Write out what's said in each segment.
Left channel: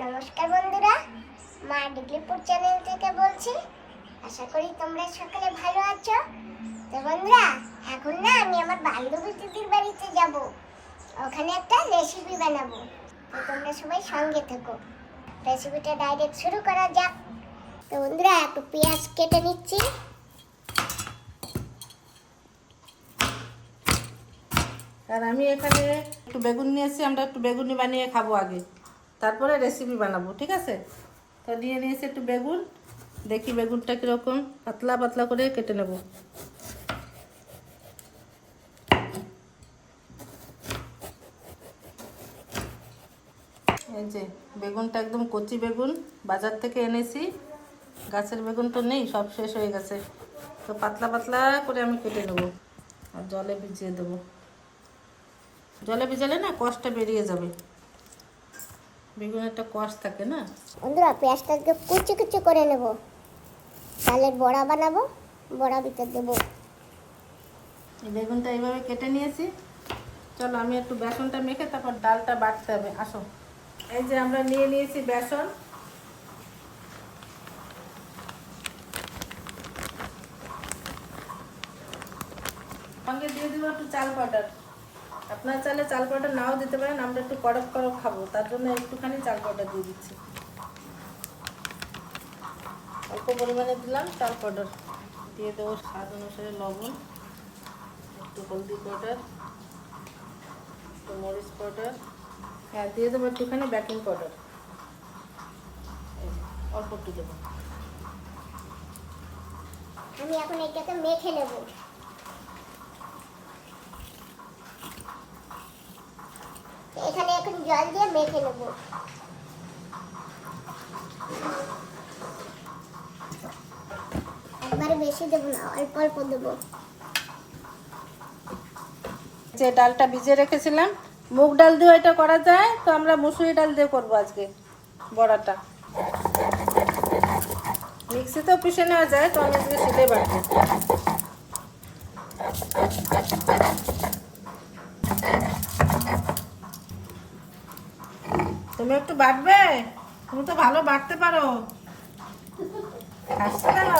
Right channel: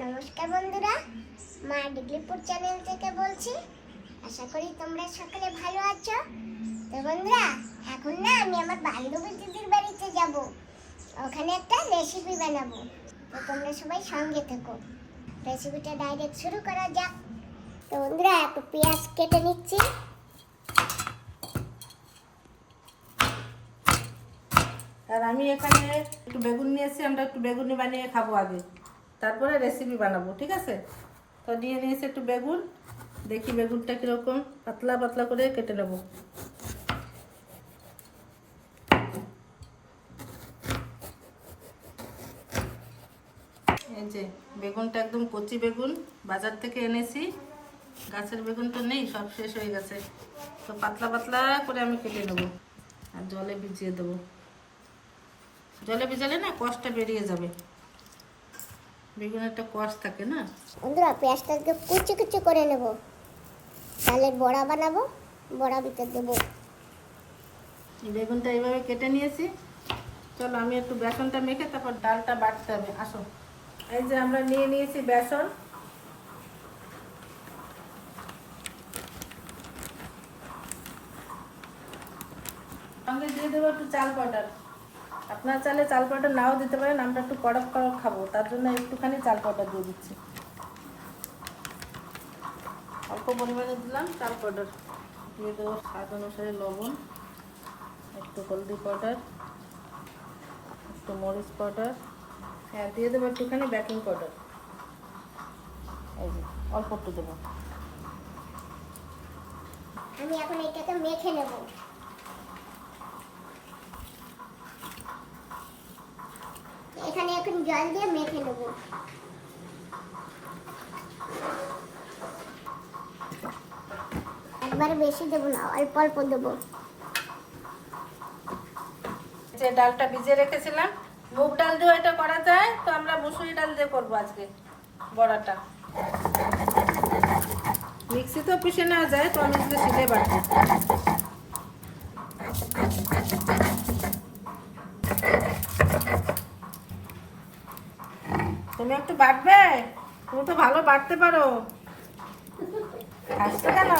নমস্কার বন্ধুরা, মা ডিগ্রিপুর চ্যানেল থেকে বলছি, আশা করি তোমরা সকলে ভালো আছো। তো বন্ধুরা, এখন না আমি আমার বান্ধবী দিদির বাড়িতে যাব। ওখানে একটা রেসিপি বানাবো। তো তোমরা সবাই সঙ্গে থেকো। রেসিপিটা ডাইরেক্ট শুরু করা যাক। তো বন্ধুরা, একটু পেঁয়াজ কেটে নিচ্ছি। আর আমি এখানে একটু বেগুন নিয়ে এসেছি আমরা একটু বেগুনি বানিয়ে খাব আগে। তারপরে রেসিপি বানাবো, ঠিক আছে? তো নিয়ে নিয়েছি একটু বেগুন। দেখি বেগুনটা কীরকম, পাতলা পাতলা করে কেটে নেব। এই যে, বেগুনটা একদম কচি বেগুন, বাজার থেকে এনেছি। গাছের বেগুন তো নেই, সব শেষ হয়ে গেছে। তো পাতলা পাতলা করে আমি কেটে নেব আর জলে ভিজিয়ে দেবো। জলে ভিজালে না কষটা বেরিয়ে যাবে। বেগুন একটা কষ থাকে না? বন্ধুরা পেঁয়াজটাকে কুচি কুচি করে নেব। তাহলে বড়া বানাবো বড়া ভিতর দেবো। বেগুনটা এইভাবে কেটে নিয়েছি। চলো আমি একটু বেসনটা মেখে তারপর ডালটা বাটতে হবে। আসো। এই যে আমরা নিয়ে নিয়েছি বেসন। সঙ্গে দিয়ে দেবো একটু চাল পাউডার। আপনার চালে চাল পাউডার নাও দিতে পারেন, আমরা একটু কড়ক কড়ক খাব, তার জন্য একটুখানি চাল পাউডার দিয়ে দিচ্ছি। অল্প পরিমাণে দিলাম চাল পাউডার দিয়ে দেবো স্বাদ অনুসারে লবণ, একটু হলদি পাউডার, একটু মরিচ পাউডার হ্যাঁ দিয়ে দেবো একটুখানি বেকিং পাউডার। অল্প একটু দেবো। আমি এখন এটাকে মেখে নেব। এখানে এখন জল দিয়ে মেখে নেব। এবারে বেশি দেবো না, অল্প অল্প দেবো। যে ডালটা ভিজে রেখেছিলাম, মুগ ডাল দিয়ে এটা করা যায়, তো আমরা মুসুরি ডাল দিয়ে করব আজকে বড়াটা। মিক্সিতেও পিষে নেওয়া যায়, তো আমি আজকে শিলে বাটবো তুমি একটু বাটবে তুমি তো ভালো বাটতে পারো। হাসছো কেন?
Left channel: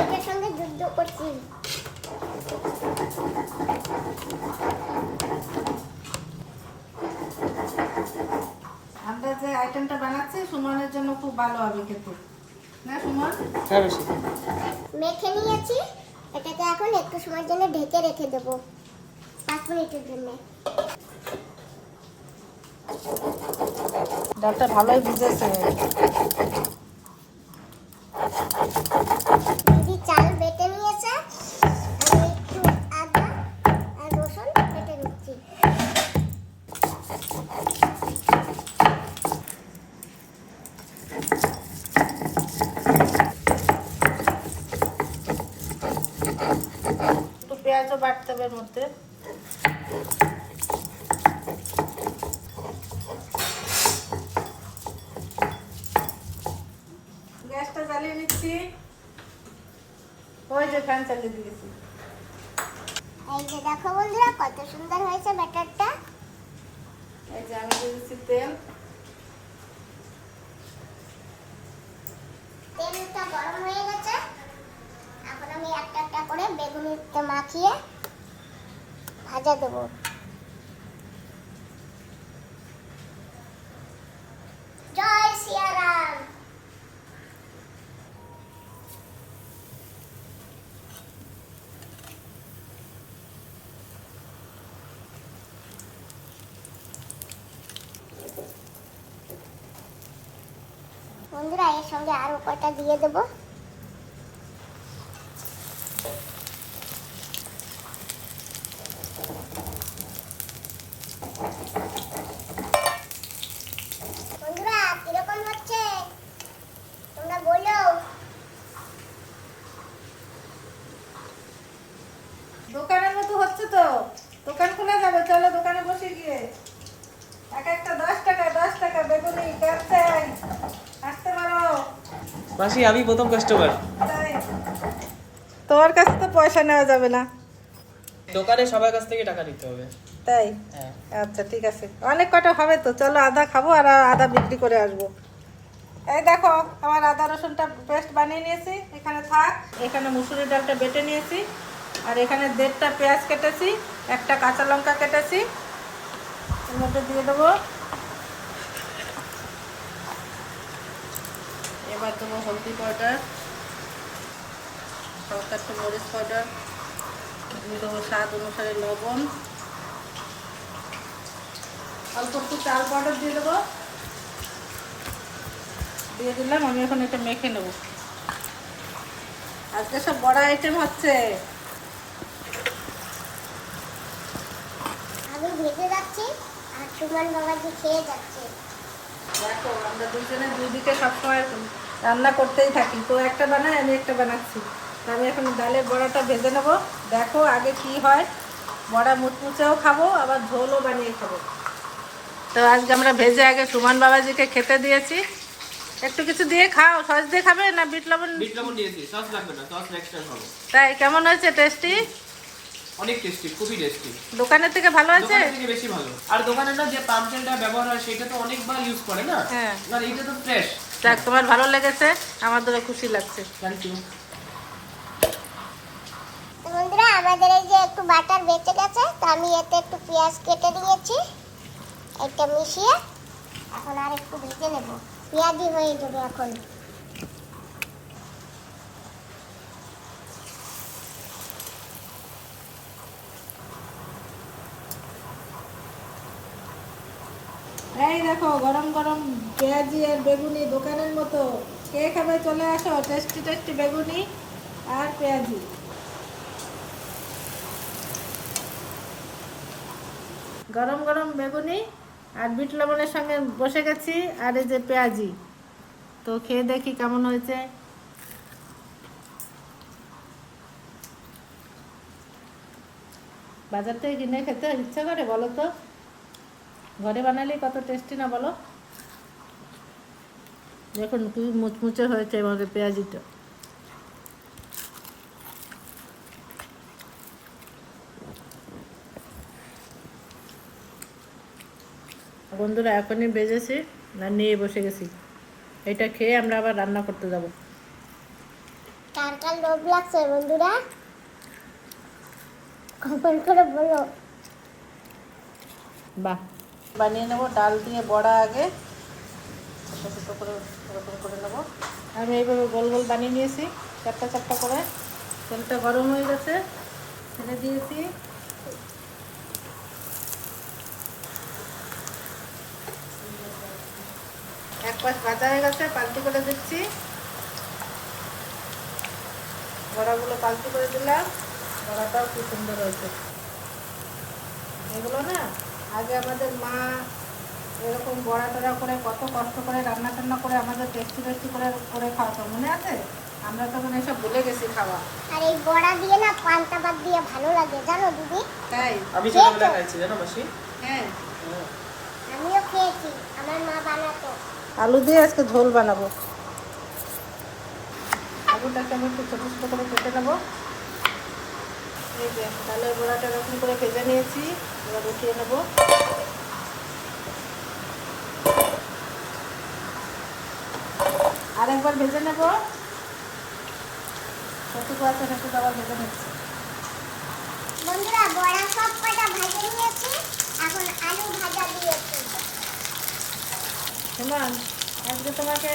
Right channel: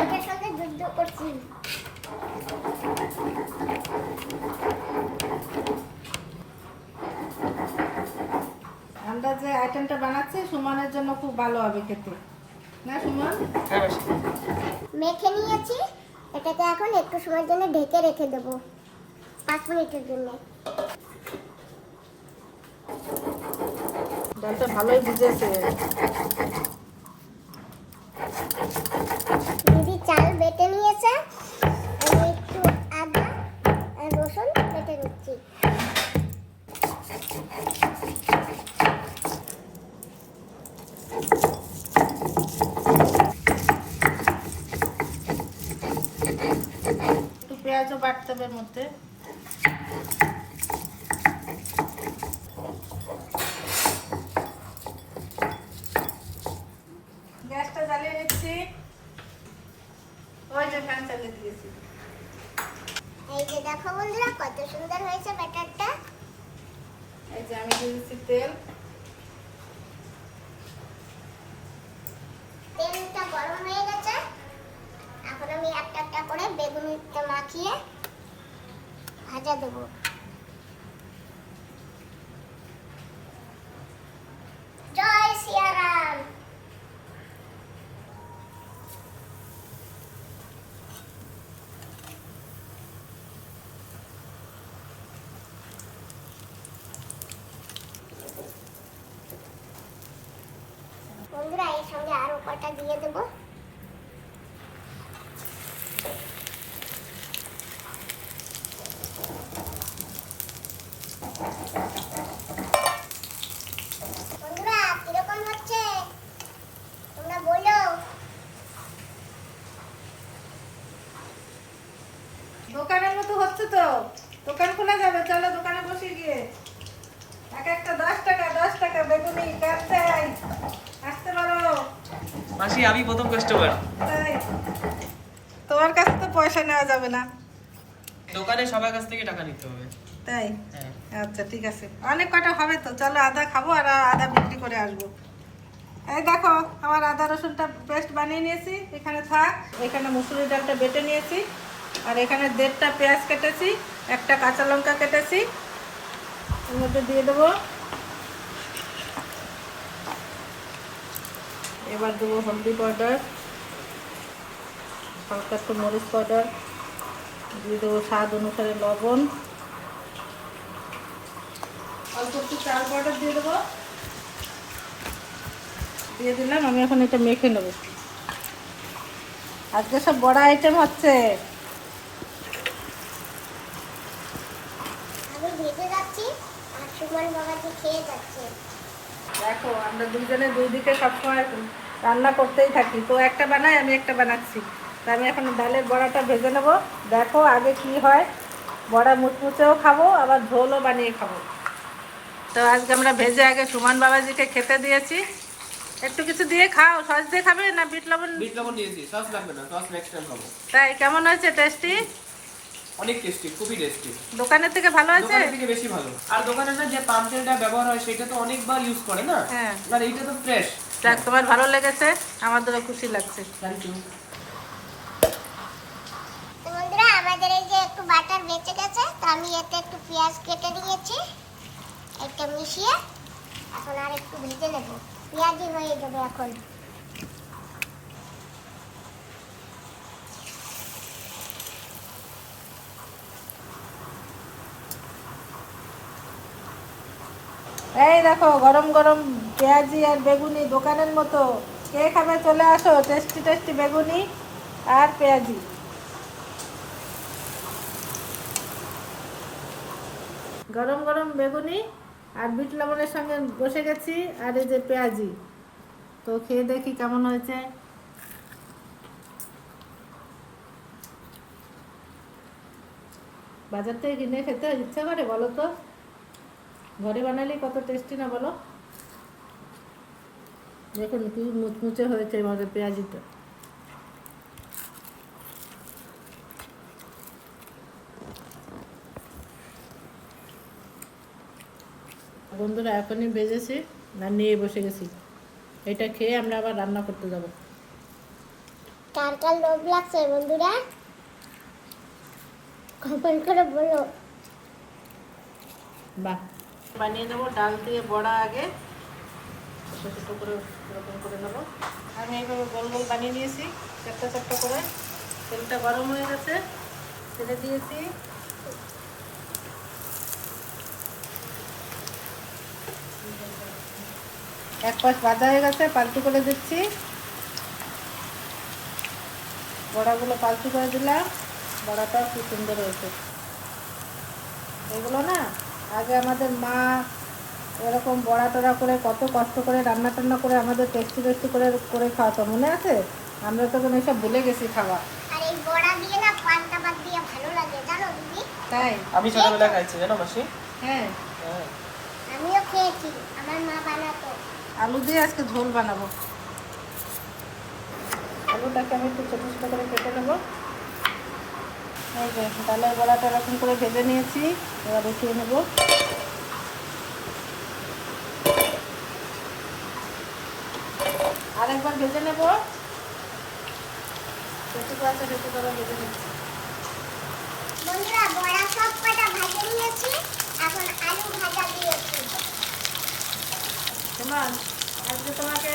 এটার সঙ্গে যুদ্ধ করছি। আমরা যে আইটেমটা বানাচ্ছি সুমনের জন্য খুব ভালো হবে খেতে। না সুমন? মেখে নিয়েছি এটাকে এখন একটু সময়ের জন্য ঢেকে রেখে দেবো। পাঁচ মিনিটের জন্য। ডালটা ভালোই ভিজেছে দিদি চাল বেটে নিয়েছে আমি একটু আদা আর রসুন বেটে নিচ্ছি একটু পেঁয়াজও বাটতে হবে এর মধ্যে জ্বালিয়ে নিচ্ছি ওই যে ফ্যান চালিয়ে দিয়েছি এই যে দেখো বন্ধুরা কত সুন্দর হয়েছে ব্যাটারটা। এই যে আমি দিয়ে দিচ্ছি তেল। তেলটা গরম হয়ে গেছে। এখন আমি একটা একটা করে বেগুনিতে মাখিয়ে ভাজা দেবো জয় সিয়ারাম বন্ধুরা এর সঙ্গে আরও কটা দিয়ে দেবো বন্ধুরা কীরকম হচ্ছে তোমরা বলো দোকানের মতো হচ্ছে তো দোকান খোলা যাবে চলো দোকানে বসে গিয়ে এক একটা দশ টাকা দশ টাকা বেগুনি ক্যাপসাই আসতে পারো মাসি আমি প্রথম কাস্টমার। তোমার কাছে তো পয়সা নেওয়া যাবে না। দোকানে সবার কাছ থেকে টাকা নিতে হবে। তাই? হ্যাঁ। আচ্ছা ঠিক আছে। অনেক কটা হবে তো চলো আদা খাব আর আদা বিক্রি করে আসব। এই দেখো আমার আদা রসুনটা পেস্ট বানিয়ে নিয়েছি এখানে থাক। এখানে মুসুরি ডালটা বেটে নিয়েছি আর এখানে দেড়টা পেঁয়াজ কেটেছি একটা কাঁচা লঙ্কা কেটেছি। এর মধ্যে দিয়ে দেবো এবার দেবো হলদি পাউডার, হালকা একটু মরিচ পাউডার, দিয়ে দেবো স্বাদ অনুসারে লবণ। অল্প একটু চাল পাউডার দিয়ে দেবো। দিয়ে দিলাম, আমি এখন এটা মেখে নেব। আজকে সব বড় আইটেম হচ্ছে। আমি ভেজে যাচ্ছি, আর সুমন বাবাজি খেয়ে যাচ্ছে। দেখো আমরা দুজনে দুই দিকে সবসময় রান্না করতেই থাকি। তো একটা বানাই আমি একটা বানাচ্ছি। তা আমি এখন ডালের বড়াটা ভেজে নেব। দেখো আগে কি হয়। বড়া মুচমুচেও খাব আবার ঝোলও বানিয়ে খাব। তো আজকে আমরা ভেজে আগে সুমন বাবাজিকে খেতে দিয়েছি। একটু কিছু দিয়ে খাও। সস দিয়ে খাবে না বিট লবণ? বিট লবণ দিয়েছি সস লাগবে না সস নেক্সট টাইম খাব। তাই কেমন হয়েছে টেস্টি? অনেক টেস্টি খুবই টেস্টি দোকানের থেকে ভালো আছে? দোকানের থেকে বেশি ভালো। আর দোকানে না যে পাম তেলটা ব্যবহার হয় সেটা তো অনেকবার ইউজ করে না? হ্যাঁ। আর এইটা তো ফ্রেশ যাক তোমার ভালো লেগেছে আমাদেরও খুশি লাগছে। থ্যাংক ইউ বন্ধুরা আমাদের এই যে একটু বাটার বেঁচে গেছে তো আমি এতে একটু পেঁয়াজ কেটে নিয়েছি। এটা মিশিয়ে এখন আর একটু ভেজে নেব। পেঁয়াজি হয়ে যাবে এখন। এই দেখো, গরম গরম পেঁয়াজি আর বেগুনি দোকানের মতো। কে খাবে চলে আসো, টেস্টি টেস্টি বেগুনি আর পেঁয়াজি। গরম গরম বেগুনি আর বিট লবণের সঙ্গে বসে গেছি, আর এই যে পেঁয়াজি। তো খেয়ে দেখি কেমন হয়েছে। বাজার থেকে কিনে খেতে ইচ্ছা করে, বলো তো। ঘরে বানালে কত টেস্টি না বলো? দেখুন কি মুচমুচে হয়েছে আমাদের পেঁয়াজিটা। বন্ধুরা এখনই বেজেছি না নিয়ে বসে গেছি। এটা খেয়ে আমরা আবার রান্না করতে যাব। কার কার লোভ লাগছে বন্ধুরা? কমেন্ট করে বলো। বাহ। বানিয়ে নেব, ডাল দিয়ে বড়া আগে। ছোটো ছোটো করে, এরকম করে নেব। আমি এইগুলো গোল গোল বানিয়ে নিয়েছি, চারটা চারটা করে। তেলটা গরম হয়ে গেছে, ছেড়ে দিয়েছি। এক পাশ ভাজা হয়ে গেছে, পাল্টু করে দিচ্ছি। বড়াগুলো পাল্টু করে দিলাম, বড়াটাও খুব সুন্দর হয়েছে। এগুলো না আগে আমাদের মা এরকম বড়া টড়া করে কত কষ্ট করে রান্না টান্না করে আমাদের টেস্টি টেস্টি করে করে খাওয়াতো মনে আছে? আমরা তখন এসব ভুলে গেছি খাওয়া। আর এই বড়া দিয়ে না পান্তা ভাত দিয়ে ভালো লাগে জানো দিদি? তাই? আমি ছোটবেলা খাইছি জানো মাসি? হ্যাঁ। হ্যাঁ। আমিও খেয়েছি আমার মা বানাতো। আলু দিয়ে আজকে ঝোল বানাবো। আলুটাকে আমি একটু ছোটো ছোটো করে কেটে নেব। এই যে ডালের বড়াটা এরকম করে ভেজে নিয়েছি এবার উঠিয়ে নেব। আরেকবার ভেজে নেব। ভেজে ভেজে বন্ধুরা বড়া সব কটা ভাজে নিয়েছি এখন আলু ভাজা দিয়েছি। সুমন আজকে তোমাকে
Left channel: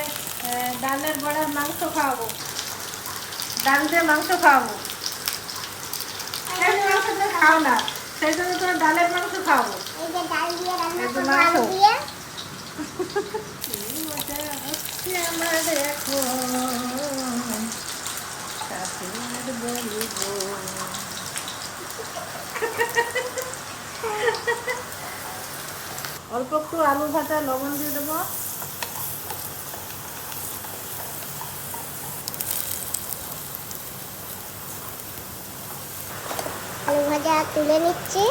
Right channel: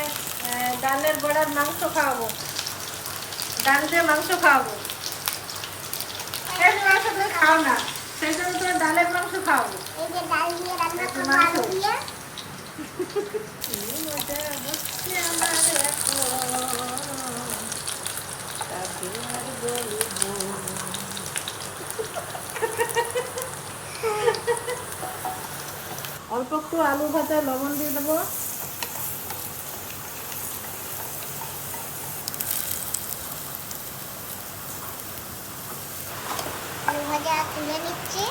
আহ, ডালের বড়ার মাংস খাওয়াবো। ডাল দিয়ে মাংস খাওয়াবো। খাও না। সেই জন্য তোমার ডালের মাংস খাওয়াবো এই যে ডাল দিয়ে রান্না আলু দিয়ে। অল্প একটু আলু ভাজা লবণ দিয়ে দেবো। তুলে নিচ্ছি।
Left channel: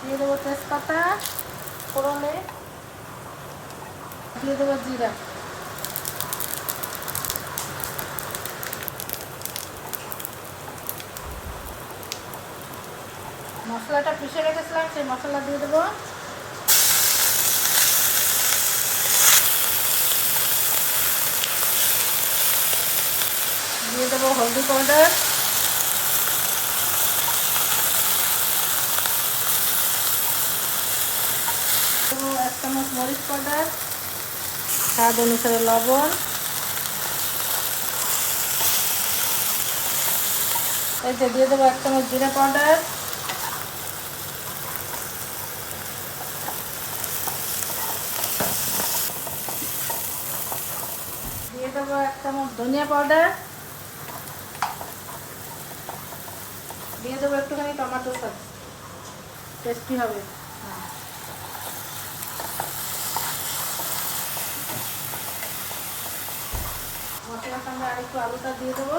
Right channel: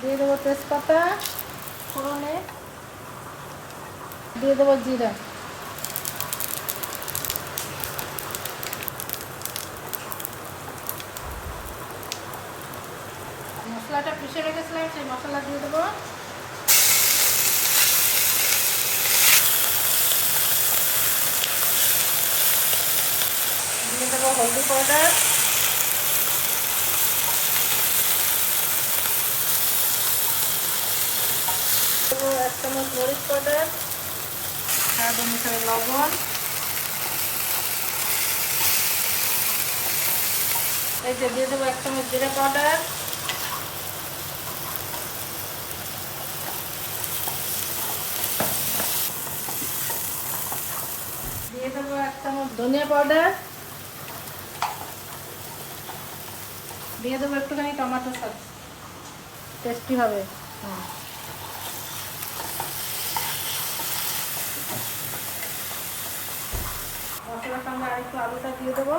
দিয়ে দেবো তেজপাতা, ফোড়নে, দিয়ে দেবো জিরা। মশলাটা পিষে রেখেছিলাম, সেই মশলা দিয়ে দেবো। দিয়ে দেবো হলদি পাউডার। দেবো এক চামচ মরিচ পাউডার, স্বাদ অনুসারে লবণ। যে দিয়ে দেবো এক চামচ জিরে পাউডার। দিয়ে দেবো এক চামচ ধনিয়া পাউডার। দিয়ে দেবো একটুখানি টমেটো সস। টেস্টি হবে। হ্যাঁ। মশলার সঙ্গে আরেকটু আলুটা দিয়ে দেবো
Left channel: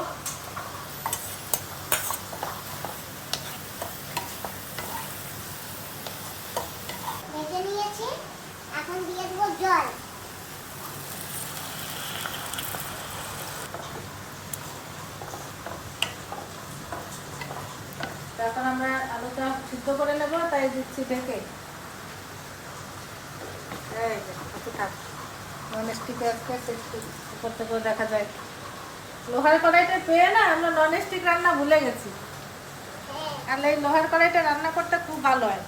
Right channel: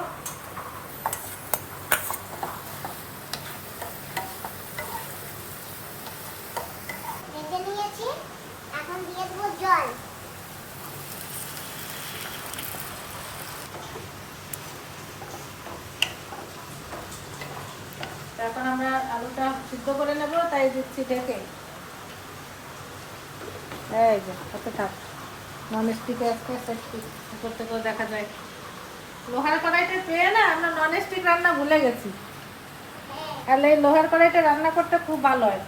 ভেজে নিয়েছি এখন দিয়ে দেবো জল তারপর আমরা আলুটা সিদ্ধ করে নেব তাই দিচ্ছি ঢেকে এই কতটা নন স্টিকে আজকে সেফটি উপর দেখা যায়। লোহার কড়াইটা পেয়ে না আমরা নন রান্না ভুলে গেছি। আর এই লোহার কড়াইটা রান্না করতে খুব ভালো হয়।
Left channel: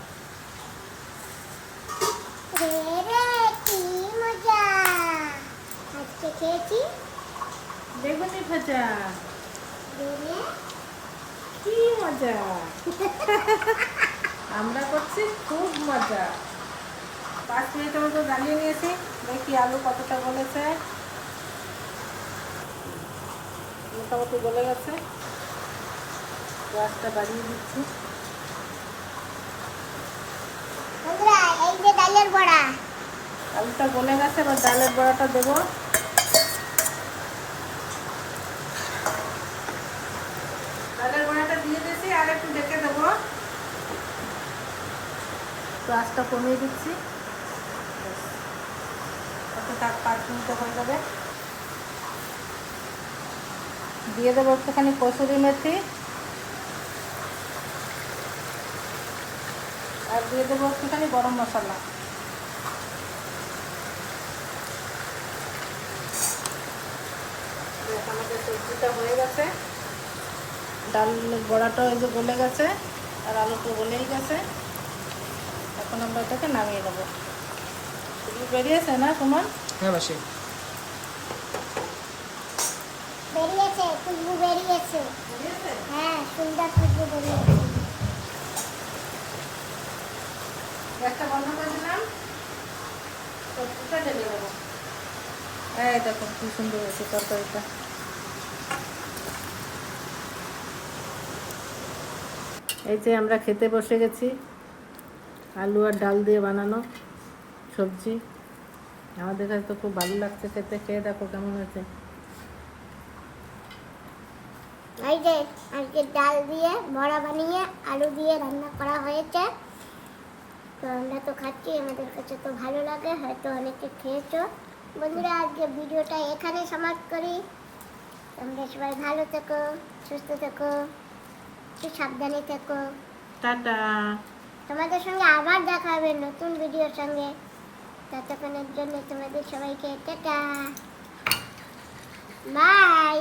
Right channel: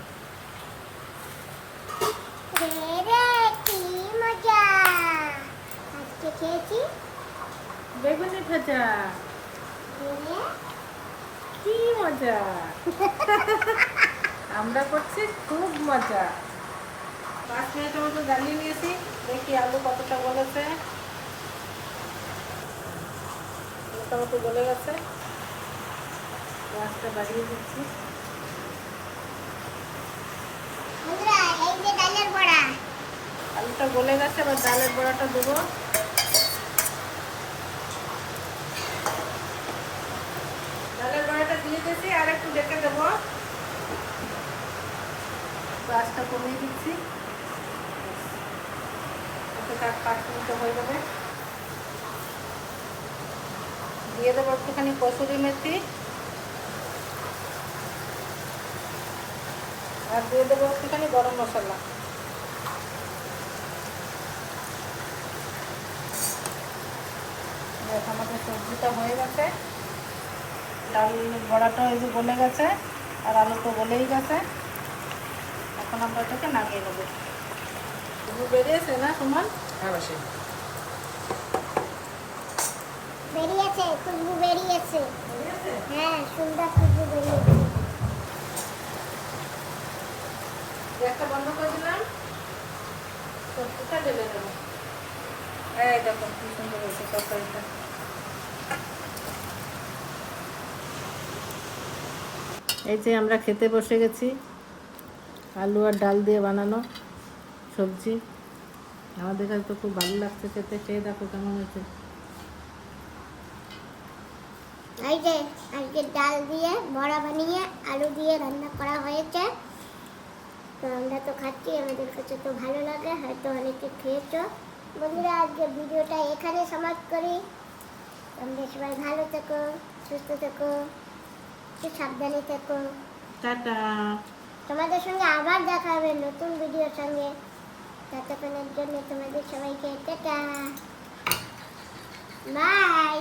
রে কি মজা। আজকে খেয়েছি। বেগুনি ভাজা। কি মজা। আমরা করছি খুব মজা। পাঁচ মিনিটের মতো জ্বালিয়ে নিয়েছি দেখি আলু কতটা গলেছে। মোটামুটি গলে গেছে। গ্যাসটা বাড়িয়ে দিচ্ছি। আলুটা গলে গেছে এবার ডালের বড়াটা দেবো। ডালের বড়াটা দিয়ে দিয়েছি আর একটু দেখে দেবো। কমিয়ে দিচ্ছি। হয়ে যাবে। দিয়ে দেবো একটুখানি কসুরি মেথি। আর দিয়ে দেবো একটুখানি গরম মশলা। আমাদের সবজিটা হয়ে গেছে। ডাল বড়াটা ওই যে গলে গেছে, আর আলু তো গলেই গেছে। এখন আমরা এটাকে নামিয়ে নেব বেরিয়েছে না সুমন? হ্যাঁ মাসি। বেরিয়েছে খুশবু বেরিয়েছে। হ্যাঁ সুন্দর খুশবু বেরিয়েছে। গ্যাসটা বন্ধ করে দিলাম। সবজিটা ঢেলে দেবো। এই দেখো কি সুন্দর হয়েছে তরকারিটা। এই যে আমরা খেতে বসে গেছি। আলু আর ডাল দিয়ে বানানো সবজি। আমাদের কাছে তো খুব ভালো লাগছে খেতে। খেয়ে দেখো কেমন হয়েছে। আজকে ডাল দিয়ে বড়া বানিয়ে আলু দিয়ে রান্না করা হয়েছে। তো আমরা তো খাচ্ছি আমাদের কাছে তো ভালো লাগে হয়তো অনেকে খেয়েছো। বন্ধুরা আজকে ভিডিওটা এখানে সমাপ্ত করি। তোমরা সবাই ভালো থেকো সুস্থ থেকো একটু সাবধানে থেকো। টাটা। তোমাদের সঙ্গে আবার দেখা হবে নতুন ভিডিওর সঙ্গে। ততক্ষণের জন্য তোমাদের সবাইকে টাটা। বাই।